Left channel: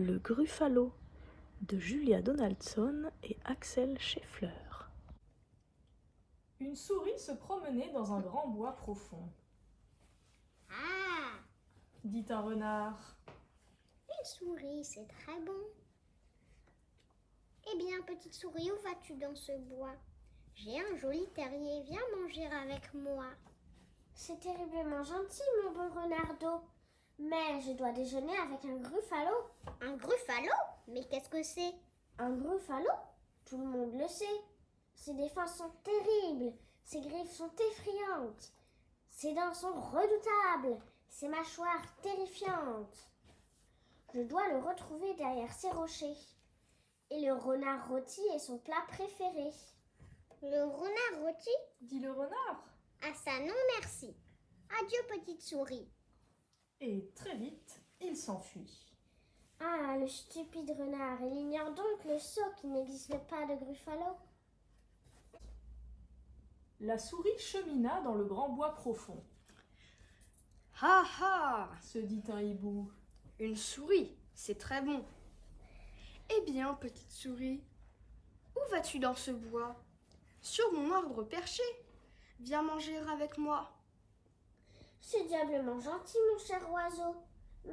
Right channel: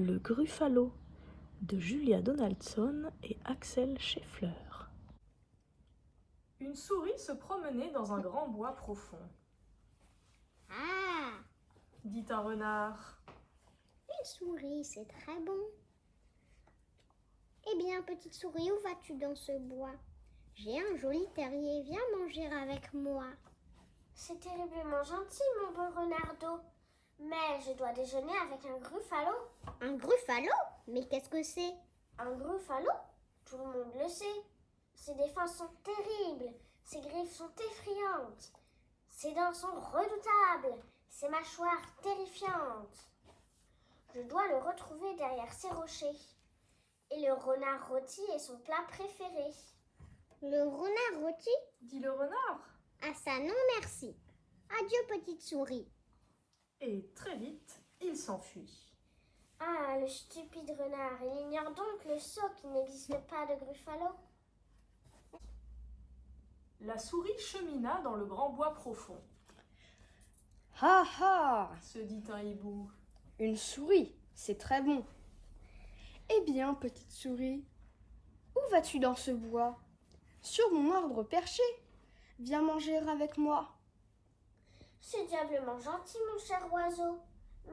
Le Gruffalo de Julia Donaldson et Axel Scheffler. Une souris se promenait dans un grand bois profond. « Ah, Dit un renard. une souris, c'est très bon. Eh bien, petite souris, où vas-tu dans ce bois? J'ai un joli terrier, viens manger avec moi. » C'est terriblement gentil, mon bon renardeau. Mais je dois déjeuner avec un gruffalo. Un gruffalo? Mais qu'est-ce que c'est? Un gruffalo? Tout le monde le sait. Ses défenses sont terribles. Ses griffes sont effrayantes. Ses dents sont redoutables. Ses mâchoires terrifiantes. Je dois le retrouver derrière ces rochers. Et le renard rôti est son plat préféré. Le renard rôti? Dit le renard. Ah ça non merci. Adieu petite souris. Et très vite, il s'enfuit. Ah, le stupide renard. Il ignore donc le sot qu'il n'existe pas de gruffalo. La souris chemina dans le grand bois profond. Ha ha! Se dit un hibou. Une souris, c'est très bon. Eh bien, petite souris, où vas-tu dans ce bois? Sur mon arbre perché. Viens manger avec moi. C'est diablement gentil, mon cher oiseau.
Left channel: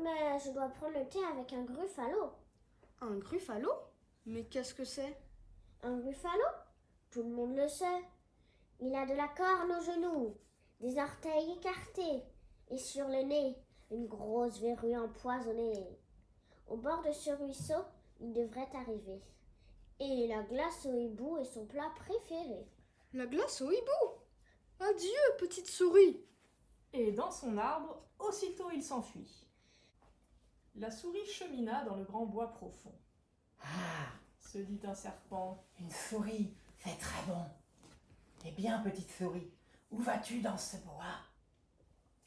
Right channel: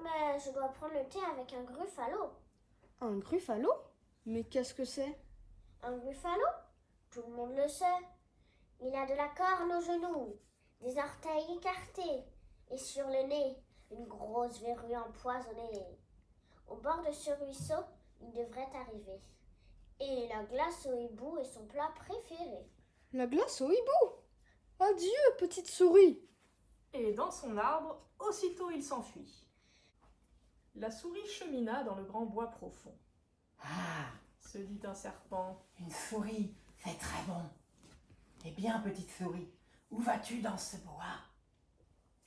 Mais je dois prendre le thé avec un gruffalo. Un gruffalo? Mais qu'est-ce que c'est? Un gruffalo? Tout le monde le sait. Il a de la corne aux genoux, des orteils écartés et sur le nez, une grosse verrue empoisonnée. Au bord de ce ruisseau, il devrait arriver. Et la glace au hibou est son plat préféré. La glace au hibou! Adieu, petite souris! Et dans son arbre, aussitôt il s'enfuit. La souris chemina dans le grand bois profond. Ah, Se dit un serpent. une souris, c'est très bon. Eh bien, petite souris, où vas-tu dans ce bois?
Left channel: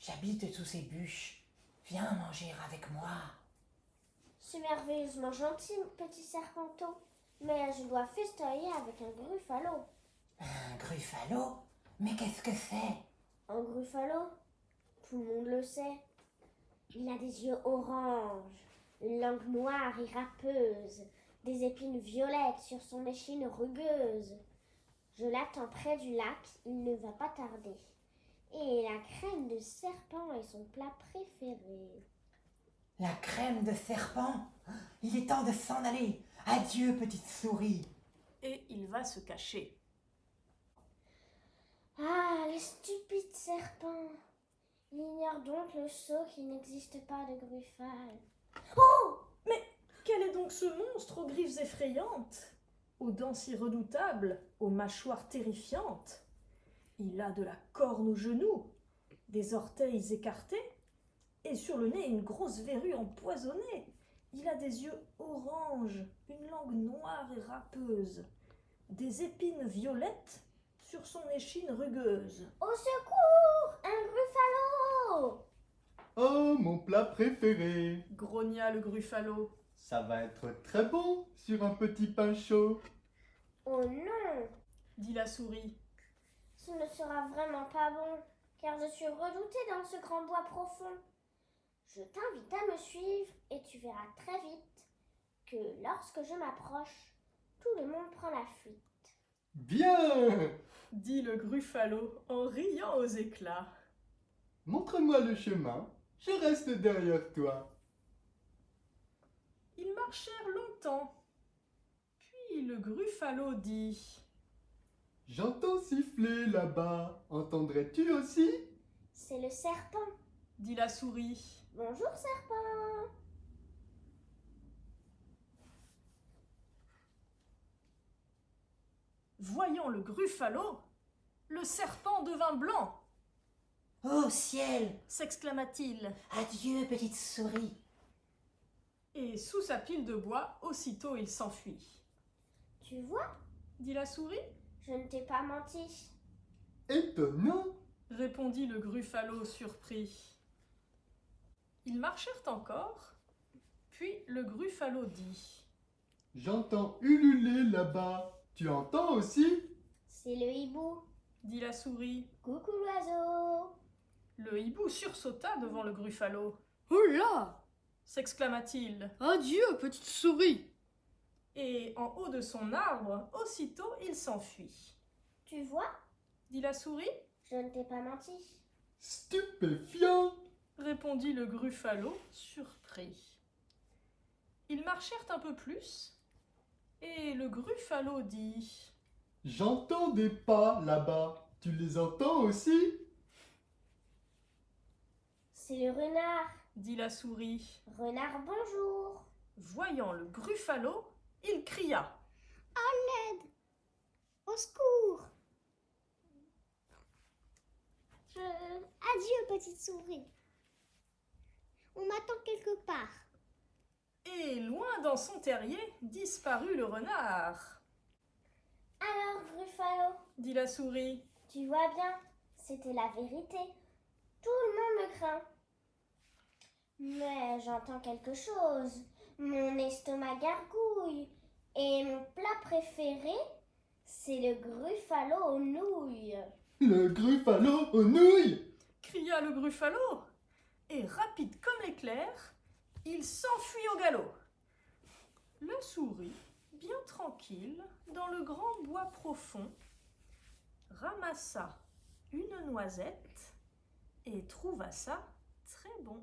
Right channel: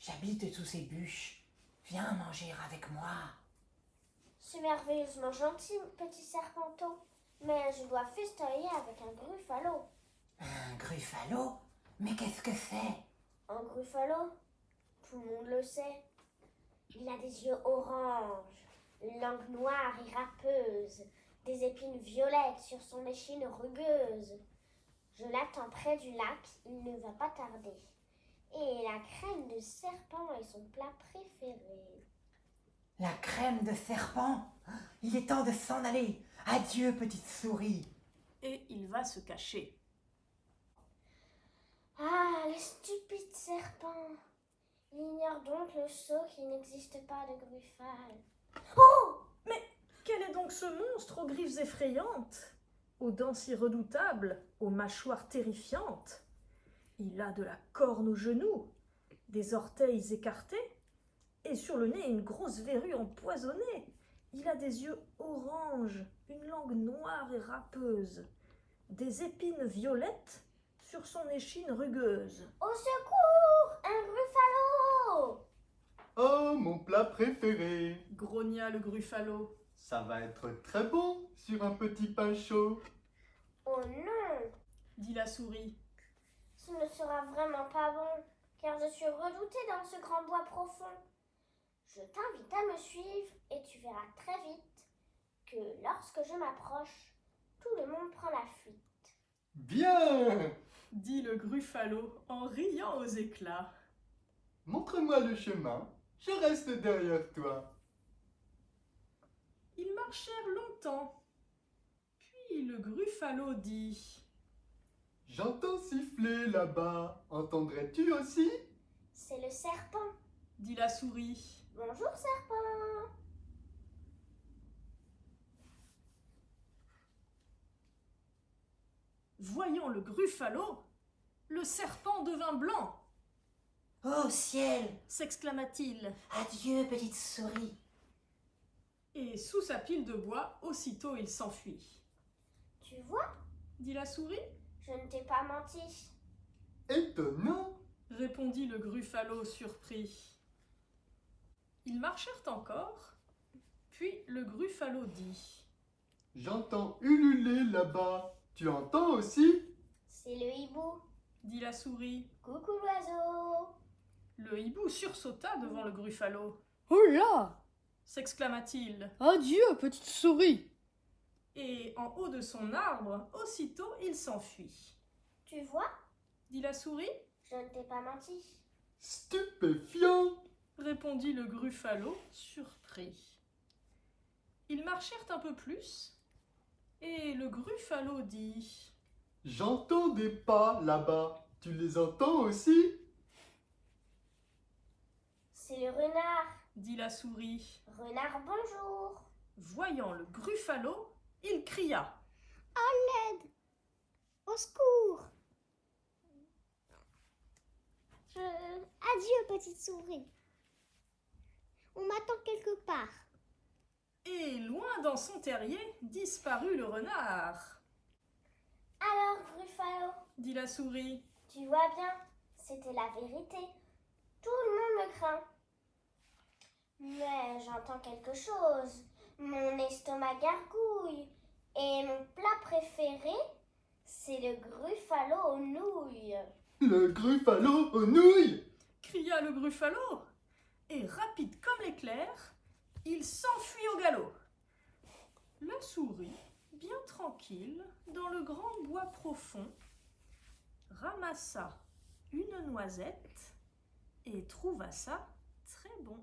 J'habite sous ces bûches. Viens manger avec moi. C'est merveilleusement gentil, mon petit serpenteau. Mais je dois festoyer avec un gruffalo. Un gruffalo? Mais qu'est-ce que c'est? Un gruffalo? Tout le monde le sait. Il a des yeux orange, une langue noire et râpeuse, des épines violettes sur son échine rugueuse. Je l'attends près du lac, il ne va pas tarder. Et la crème de serpent est son plat préféré. La crème de serpent? Il est temps de s'en aller. Adieu, petite souris. Et il va se cacher. Ah, les stupides serpents! Il ignore donc le sot qu'il n'existe pas de gruffale. Oh! Mais quel est donc ce monstre aux griffes effrayantes, aux dents si redoutables, aux mâchoires terrifiantes? Il a de la corne aux genoux, des orteils écartés, et sur le nez une grosse verrue empoisonnée. Il a des yeux orange, une langue noire et râpeuse, des épines violettes sur son échine rugueuse. Au secours! Un gruffalo! Oh, mon plat préféré! Grogna le gruffalo. Ça va être très bon sur un petit pain chaud. Oh non! Dit la souris. Ce ne sera vraiment pas bon, car je suis redoutée dans ce grand bois profond. Je t'invite à me suivre et tu verras très vite que lorsque je m'approche, tout le monde prend la fuite. Bien! Dit le gruffalo en riant aux éclats. Montre-moi le chemin. Je reste derrière toi. Ils marchèrent longtemps. Puis le gruffalo dit. J'entends siffler là-bas. Entendrais-tu aussi? C'est le serpent. Dit la souris. Bonjour serpent. Voyant le gruffalo, le serpent devint blanc, Oh ciel! s'exclama-t-il. Adieu, petite souris. Et sous sa pile de bois, aussitôt il s'enfuit. Tu vois, Dit la souris. je ne t'ai pas menti. Étonnant! Répondit le gruffalo surpris. Ils marchèrent encore, puis le gruffalo dit. J'entends ululer là-bas. Tu entends aussi? C'est le hibou. Dit la souris. Coucou l'oiseau. Le hibou sursauta devant le gruffalo. Oh là! s'exclama-t-il. Adieu, petite souris. Et en haut de son arbre, aussitôt il s'enfuit. Tu vois, Dit la souris, je ne t'ai pas menti. Stupéfiant. répondit le Gruffalo, surpris. Ils marchèrent un peu plus, et le Gruffalo dit J'entends des pas là-bas. Tu les entends aussi? C'est le renard. dit la souris. Renard, bonjour. Voyant le Gruffalo, il cria. Au secours. Adieu, petite souris. On m'attend quelque part. Et loin dans son terrier disparut le renard, Alors, Gruffalo, dit la souris. tu vois bien, c'était la vérité. Tout le monde me craint. Mais j'entends quelque chose. Mon estomac gargouille. Et mon plat préféré, c'est le Gruffalo aux nouilles. Le Gruffalo aux nouilles. Cria le Gruffalo, et rapide comme l'éclair, il s'enfuit au galop. La souris, bien tranquille, dans le grand bois profond, ramassa une noisette et trouva ça très bon.